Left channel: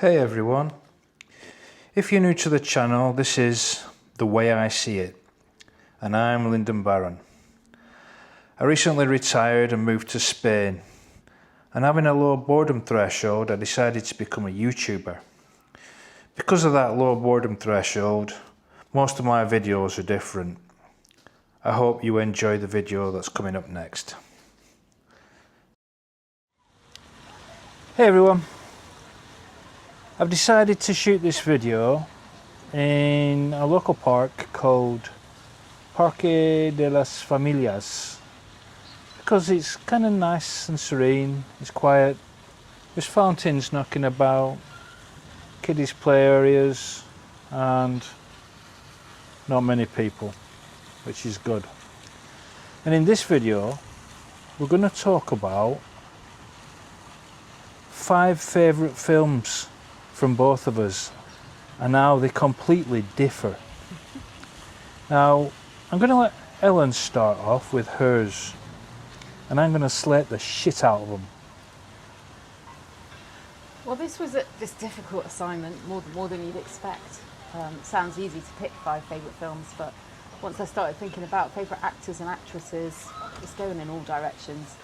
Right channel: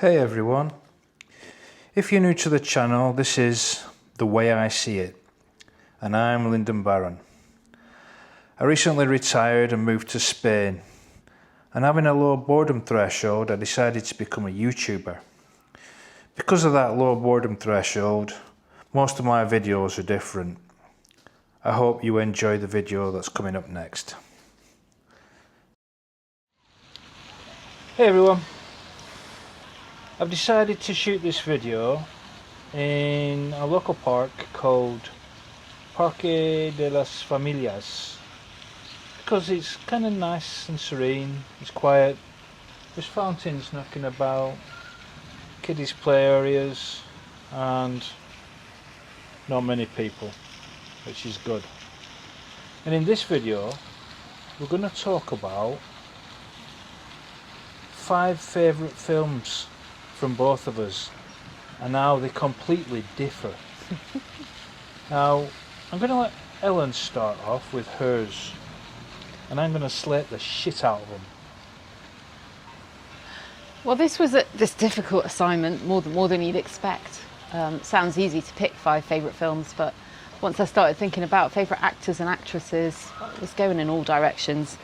Hey everyone, if you're new to the channel, this is The Way I See It, and I'm Lyndon Barron. I recently retired and moved to Spain, and having a low boredom threshold, I decided to become a YouTuber. Because of that low boredom threshold, most of my videos are different. I hope you enjoy the video that's coming up next. Hey everyone. I've decided to shoot this video in a local park called Parque de las Familias because it's kind of nice and serene, it's quiet, there's fountains knocking about, kiddies play areas and not many people, which is good. And in this video we're going to talk about 5 favourite films from both of us and how they completely differ. Now I'm going to let Helen start off with hers and I'm going to slate the shit out of them. Well, this was this difficult assignment, more than you'd expect. Sounds easy to pick 5 favourite films, but once I started thinking about favourite actors and actresses, it was going in all directions.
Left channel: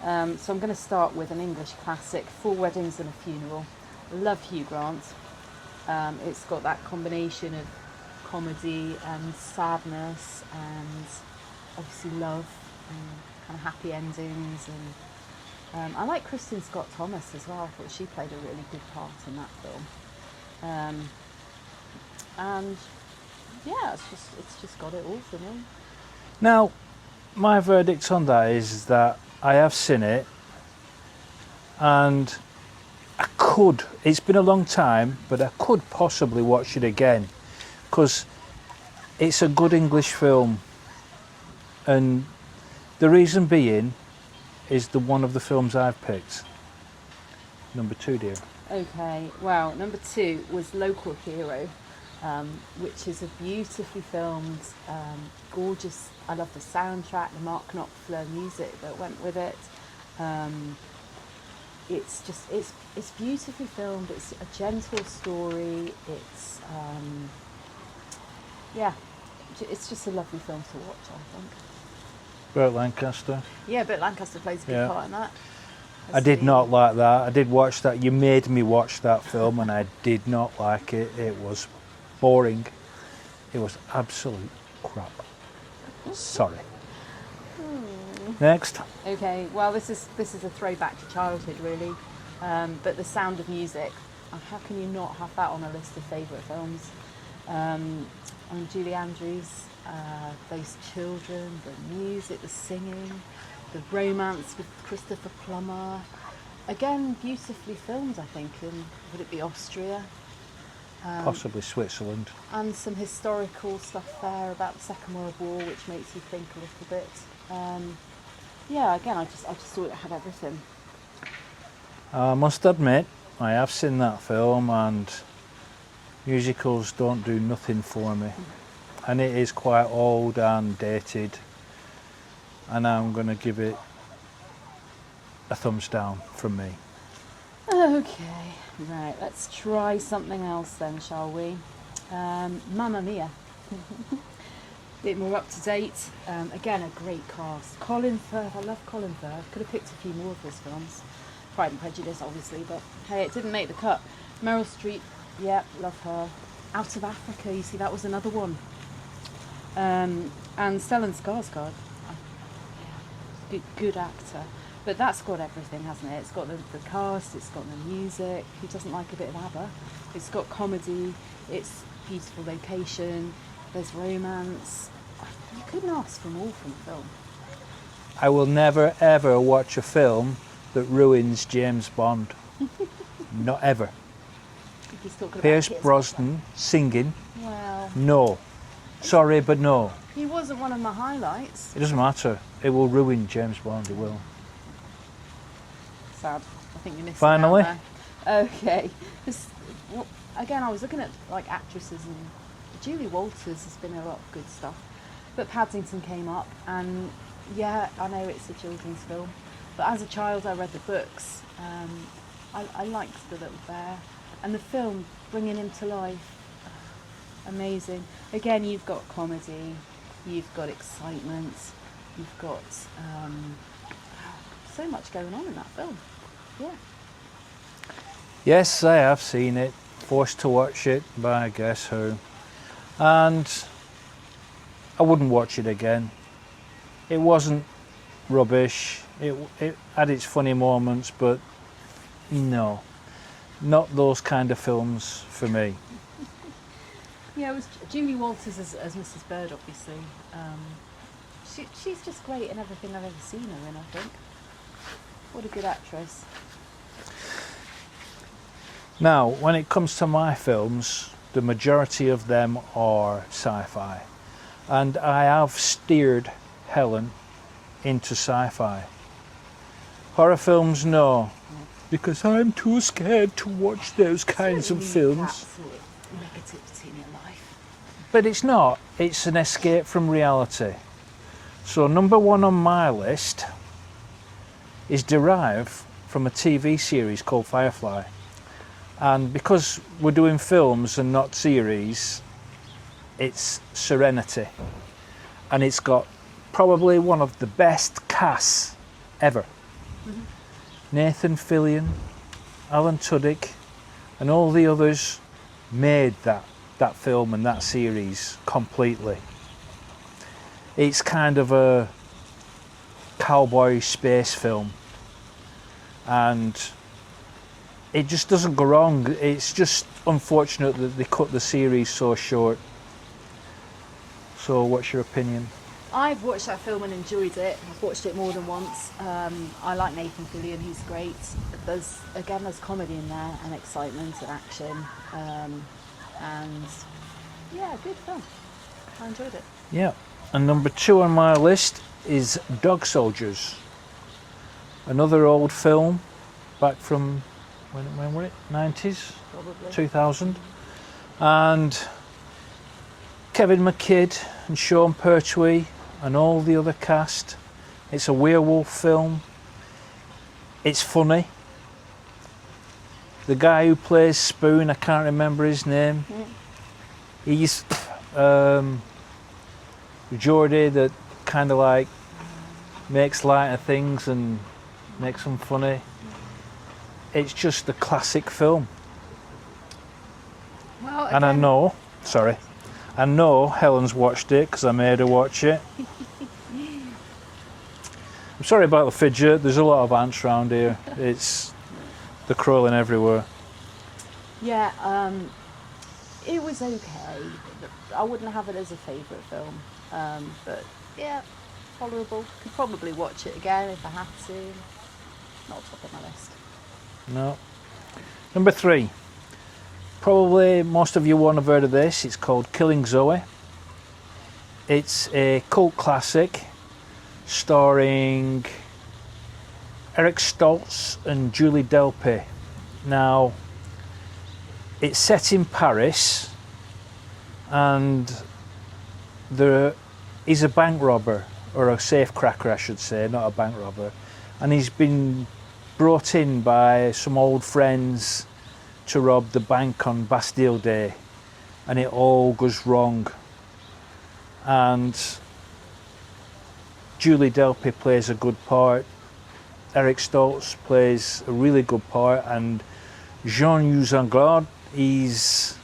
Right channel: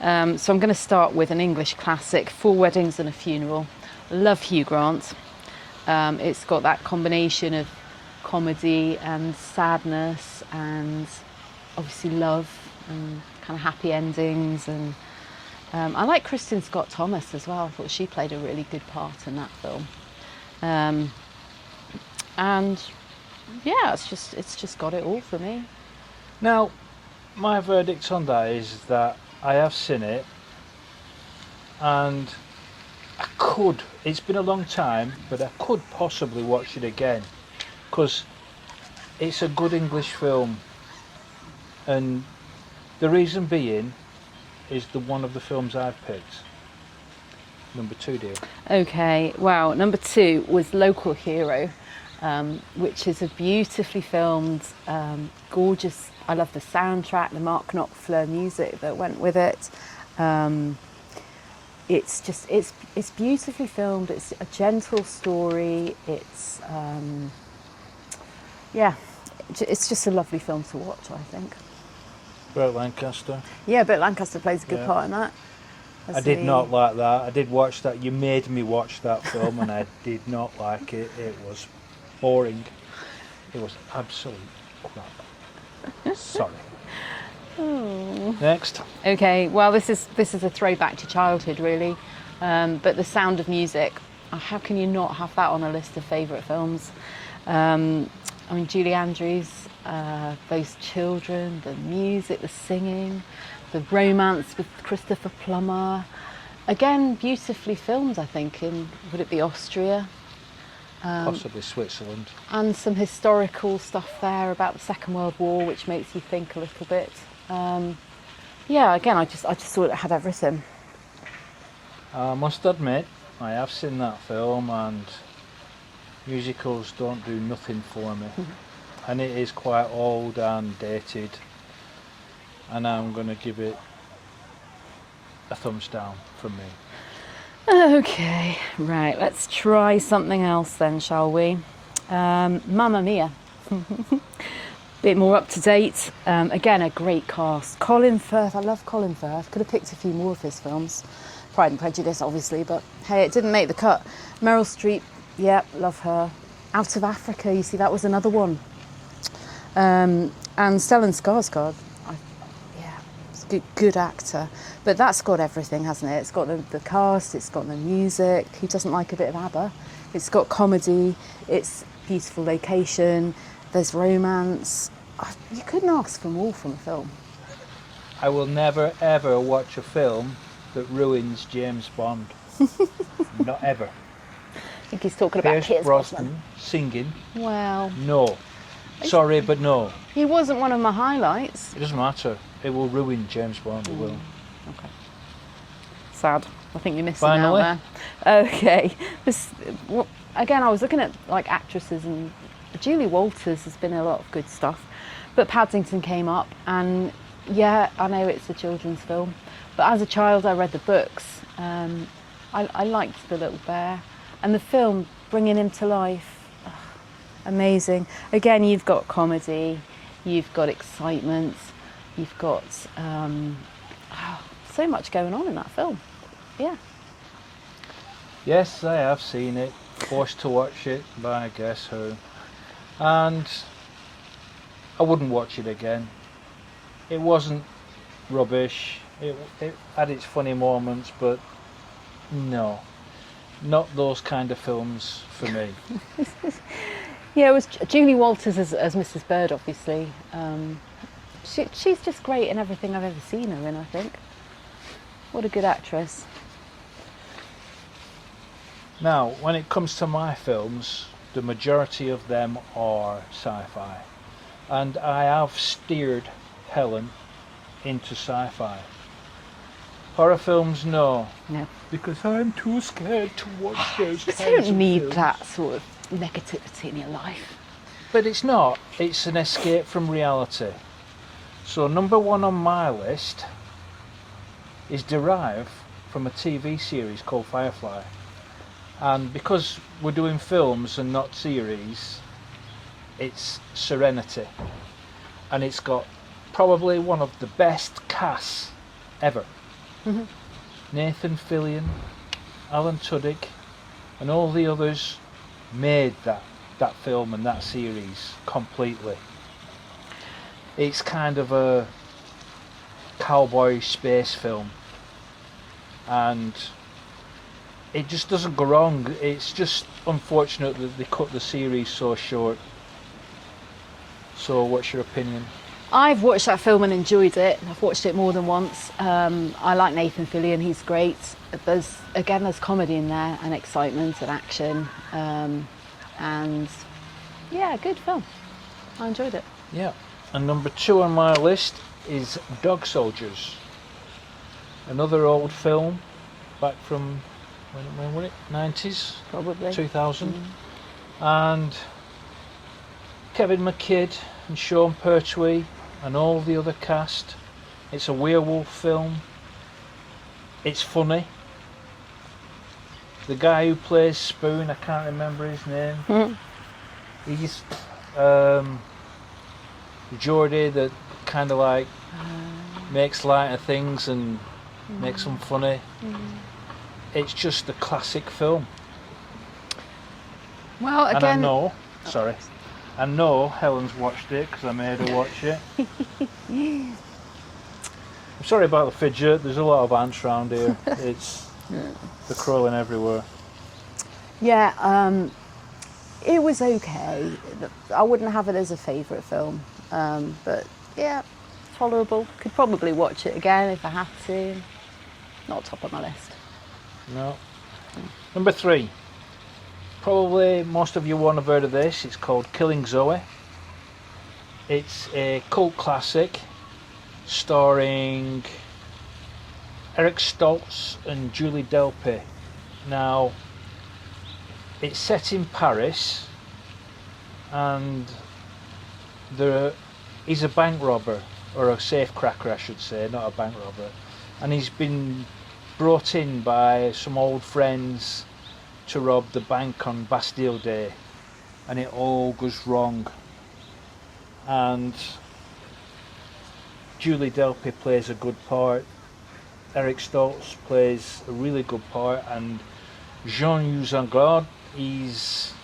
So I'm going to start with an English classic, 4 Weddings and a Funeral. I love Hugh Grant. It's got that combination of comedy and sadness and obviously love and kind of happy endings, and I like Kristen Scott Thomas as well. I thought she played a really good part in that film. And yeah, it's just got it all for me. Now my verdict on that is that I have seen it and I could, it's been a long time, but I could possibly watch it again because it's a good English film, and the reason being is one of the films I've picked. Number 2, dear. Okay, wow, number 2 was Local Hero, which is a beautifully filmed, gorgeous, I love the soundtrack, the Mark Knopfler music that went with it. It's beautifully filmed. It's a gentle story. It's yeah, it's just a lovely film to watch, I think. Burt Lancaster. Yeah, Burt Lancaster plays a good part in that. I did not like that. I did watch that. You made me watch that film and I did not like it. It was boring. It was absolute crap. Sorry. Oh. Next. Okay, well this is a throwback to childhood really, but The Sound of Music. How can you not have that on a list of favourite films? I mean, Julie Andrews, those children, the music, the singing, the romance with Christopher Plummer. Again, beautifully filmed, I think, in, would it be Austria? Possibly Switzerland. And some historical stuff there about the Second World War, which makes you think a little bit. Yeah, again, I just thought it had everything. I must admit, I have seen that film and musicals don't do nothing for me. And it is quite old and dated, and I'm going to give it a thumbs down from me. Okay, right, let's try something else then, shall we? Mamma Mia. Bit more up to date. Again, a great cast. Colin Firth, I love Colin Firth. Could have picked a few more of his films. Pride and Prejudice, obviously, but hey, it didn't make the cut. Meryl Streep, yeah, love her. Out of Africa, you see, that was another one. And Stellan Skarsgård, yeah, he's a good actor. But that's got everything, hasn't it? It's got the cast, it's got the music. Who doesn't like a bit of ABBA? It's got comedy, it's beautiful location, there's romance. You couldn't ask for more from a film. I will never ever watch a film that ruins James Bond. Not ever. I think he's talking about Pierce Brosnan singing. Well, no. Sorry, but no. He wasn't one of my highlights. It doesn't matter. It will ruin James Bond. It will. Okay. Sad. I think you're missing Finally. out there. Okay. Again, I was looking at like actresses, and Julie Walters has been in a lot of good stuff, but Paddington came up, and yeah, I know it's a children's film, but as a child I read the books. I liked The Little Bear. and the film bringing him to life. Amazing. Again, you've got comedy, you've got excitement, you've got so much going on in that film. Yeah. Yes, I have seen it, forced to watch it by guess who, and I wouldn't watch it again. It wasn't rubbish, it had its funny moments, but no, not those kind of films for me. Yeah, it was Julie Walters as Mrs. Bird, obviously. She's just great in everything I've ever seen her in, I think. What a good actress. Now, when it comes to my films, the majority of them are sci-fi, and I have steered Helen into sci-fi. Horror films, no, No. because I'm too scared to watch those You kinds don't of need films. that sort of negativity in your life. But it's not. It's an escape from reality. So number one on my list is derived from a TV series called Firefly. And because we're doing films and not series, it's Serenity. And it's got probably one of the best casts ever. Mm-hmm. Nathan Fillion, Alan Tudyk, and all the others made that film and that series completely. It's kind of a cowboy space film, and it just doesn't go wrong. It's just unfortunate that they cut the series so short. So what's your opinion? I've watched that film and enjoyed it. I've watched it more than once. I like Nathan Fillion, he's great. There's comedy in there and excitement and action. And yeah, good film. I enjoyed it. Yeah. And number two on my list is Dog Soldiers. Another old film back from, when was it? 90s? Probably. 2000. And Kevin McKidd and Sean Pertwee and all the other cast. It's a werewolf film. It's funny. The guy who plays Spoon, I can't remember his name. He's Geordie that kind of like makes light of things and makes them funny. It's just a classic film. Well, again, And I know Helen's watched it because I made her watch it. I'm sorry about the fidget, there's a lot of ants around here. They're crawling everywhere. yeah, it was okay. I wouldn't have it as a favourite film, but yeah, tolerable. Could probably watch it again if I had to. Not top of my list. No. Number three. Probably most of you won't have heard of this. It's called Killing Zoe. It's a cult classic starring Eric Stoltz and Julie Delpy. Now, it's set in Paris, and there is a bank robber, or a safe cracker I should say, not a bank robber, and he's been brought in by some old friends to rob the bank on Bastille Day, and it all goes wrong. And Julie Delpy plays a good part, Eric Stoltz plays a really good part, and Jean-Yves Anglade, he's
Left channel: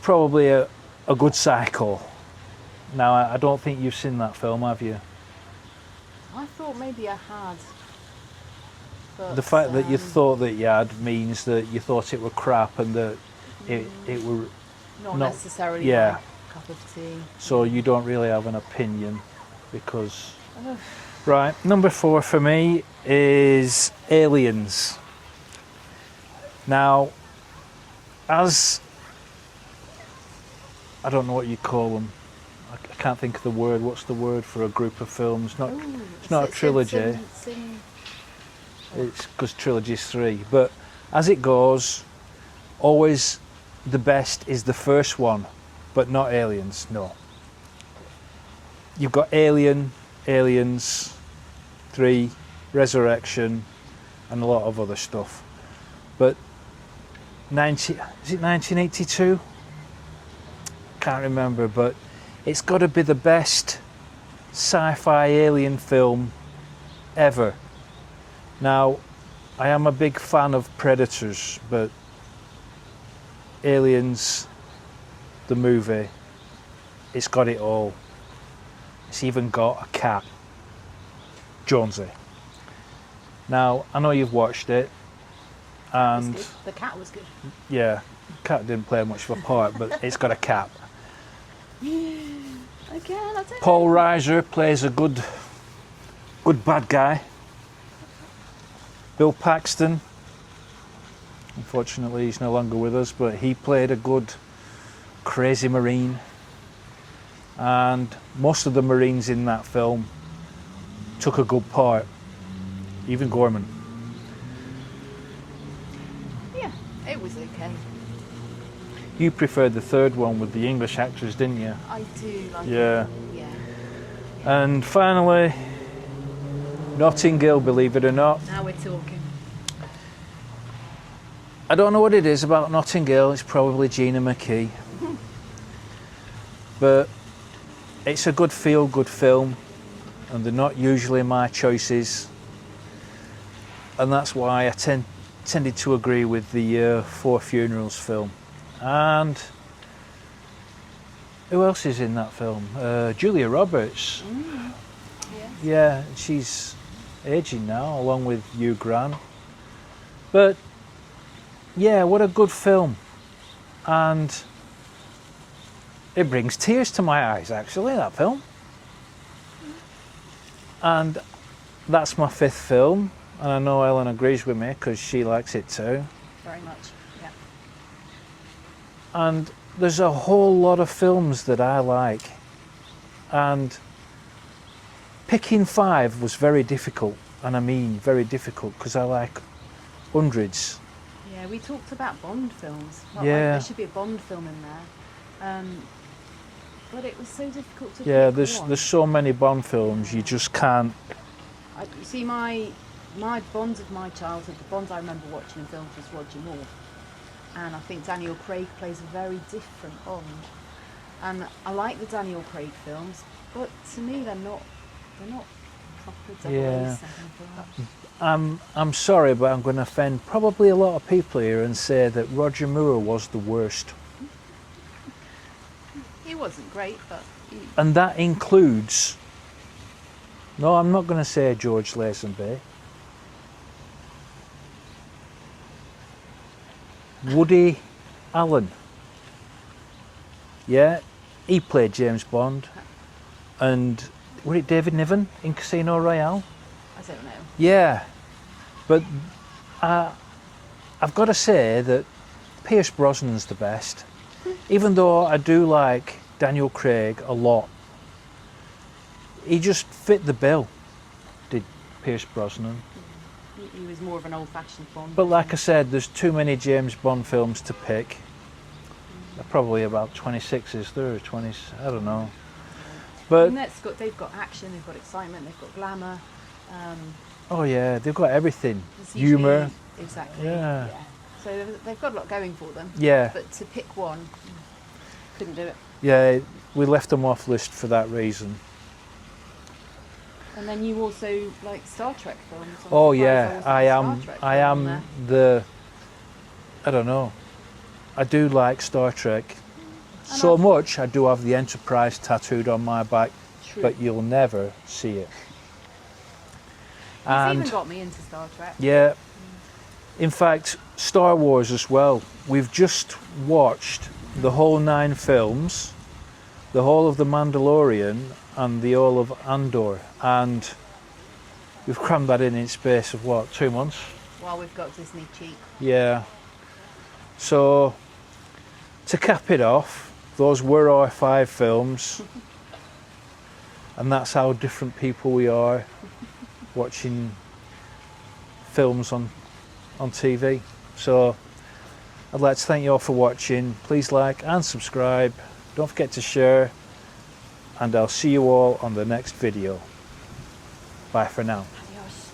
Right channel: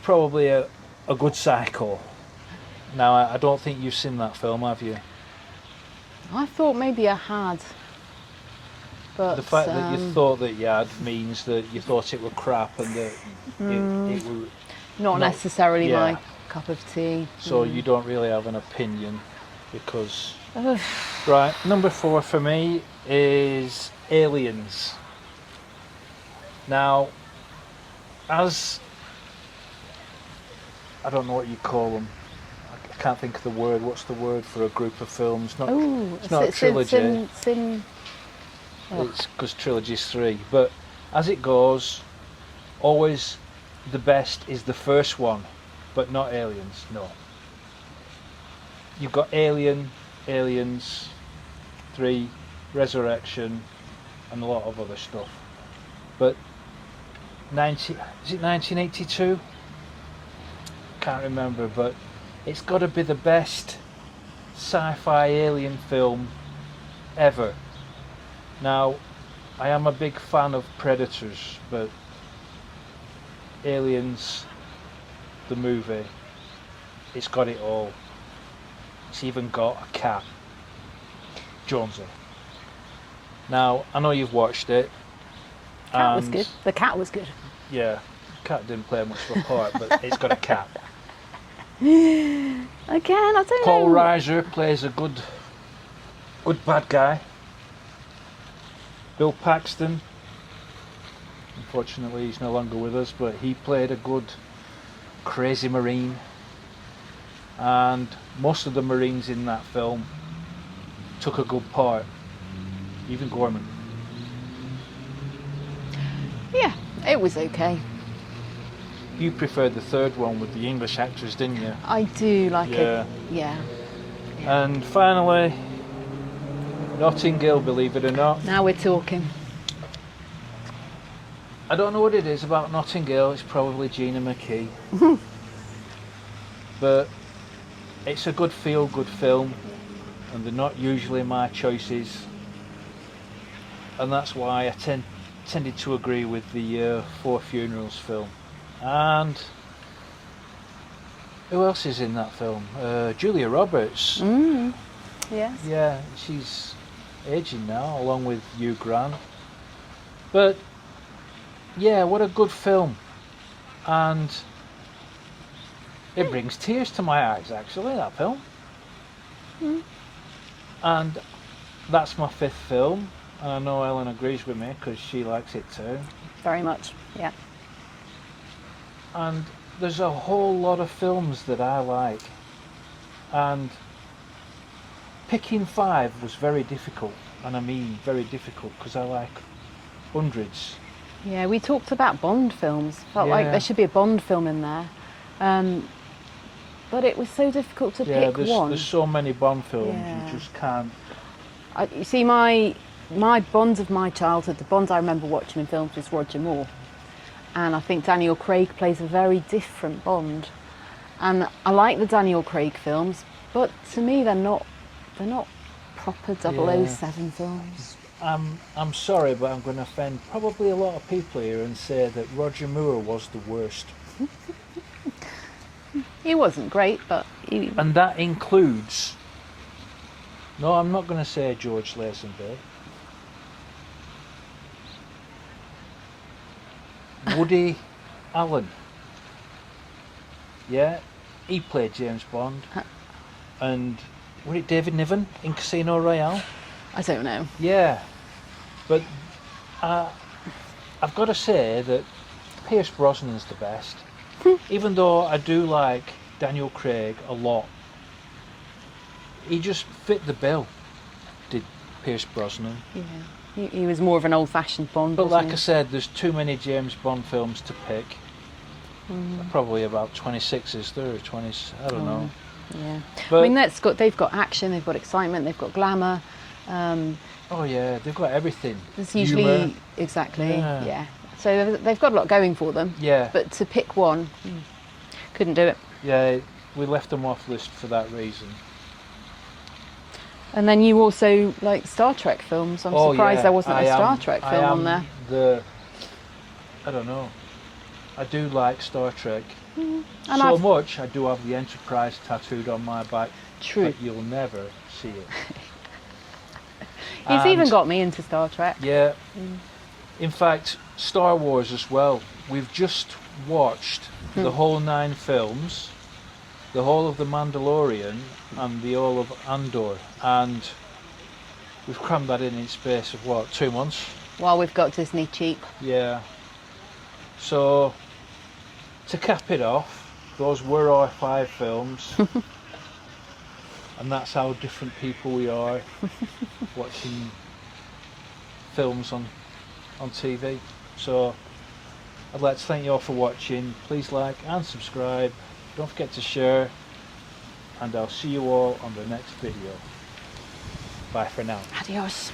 probably a good psycho. Now, I don't think you've seen that film, have you? I thought maybe I had. But, The fact that you thought that you had means that you thought it were crap and that it were... not necessarily yeah. my cup of tea. So you don't really have an opinion because... Right, number four for me is Aliens. Now, as... I don't know what you call them. I can't think of the word. What's the word for a group of films? It's not a trilogy. It's because trilogy's three. But as it goes, always the best is the first one, but not Aliens. No. You've got Alien, Aliens, 3, Resurrection, and a lot of other stuff. But is it 1982? Can't remember, but it's got to be the best sci-fi alien film ever. Now, I am a big fan of Predators, but Aliens, the movie, it's got it all. It's even got a cat, Jonesy. Now, I know you've watched it. Cat was good. The cat was good. Yeah, the cat didn't play much of a part, but it's got a cat. Again, I don't Paul know. Reiser plays a good bad guy. Bill Paxton, unfortunately he's no longer with us, but he played a good crazy Marine. And most of the Marines in that film took a good part, even Gorman. Yeah, it was okay. You preferred the third one with the English actors, didn't you? I do like it. Yeah. And finally, Notting Hill, believe it or not. Now we're talking. I don't know what it is about Notting Hill, it's probably Gina McKee. But it's a good feel-good film, and they're not usually my choices. And that's why I tended to agree with the Four Funerals film. And who else is in that film? Julia Roberts. Yes. Yeah, she's aging now, along with Hugh Grant. But yeah, what a good film. And it brings tears to my eyes, actually, that film. And that's my fifth film. And I know Helen agrees with me because she likes it too. Very much, yeah. And there's a whole lot of films that I like. And picking five was very difficult. And I mean very difficult because I like hundreds. Yeah, we talked about Bond films. Felt like there should be a Bond film in there. But it was so difficult to pick one. There's so many Bond films, you just can't. You see, my Bonds of my childhood, the Bonds I remember watching in films was Roger Moore. And I think Daniel Craig plays a very different Bond. And I like the Daniel Craig films, but to me they're not proper 007 films. I'm sorry, but I'm going to offend probably a lot of people here and say that Roger Moore was the worst. He wasn't great, but he... And that includes... No, I'm not going to say George Lazenby. Woody Allen. Yeah, he played James Bond. And was it David Niven in Casino Royale? I don't know. Yeah, but I've got to say that Pierce Brosnan's the best. Even though I do like Daniel Craig a lot, he just fit the bill, did Pierce Brosnan. Yeah, he was more of an old-fashioned Bond. But like wasn't I said, there's too many James Bond films to pick. Probably about 26, is there? Or 20, I don't know. Yeah. But, I mean, they've got action, they've got excitement, they've got glamour. oh yeah, they've got everything. There's usually, humour. exactly, yeah. So they've got a lot going for them. Yeah. But to pick one, couldn't do it. Yeah, we left them off list for that reason. And then you also like Star Trek films. I'm surprised there wasn't a Star Trek film on there. I don't know. I do like Star Trek. And So much, I do have the Enterprise tattooed on my back. True. But you'll never see it. He's even got me into Star Trek. Yeah. In fact, Star Wars as well. We've just watched the whole 9 films, the whole of The Mandalorian and the whole of Andor. And we've crammed that in space of what, 2 months? While we've got Disney cheap. Yeah. So, to cap it off, those were our 5 films. And that's how different people we are watching films on TV. So I'd like to thank you all for watching. Please like and subscribe. Don't forget to share. And I'll see you all on the next video. Bye for now. Adios.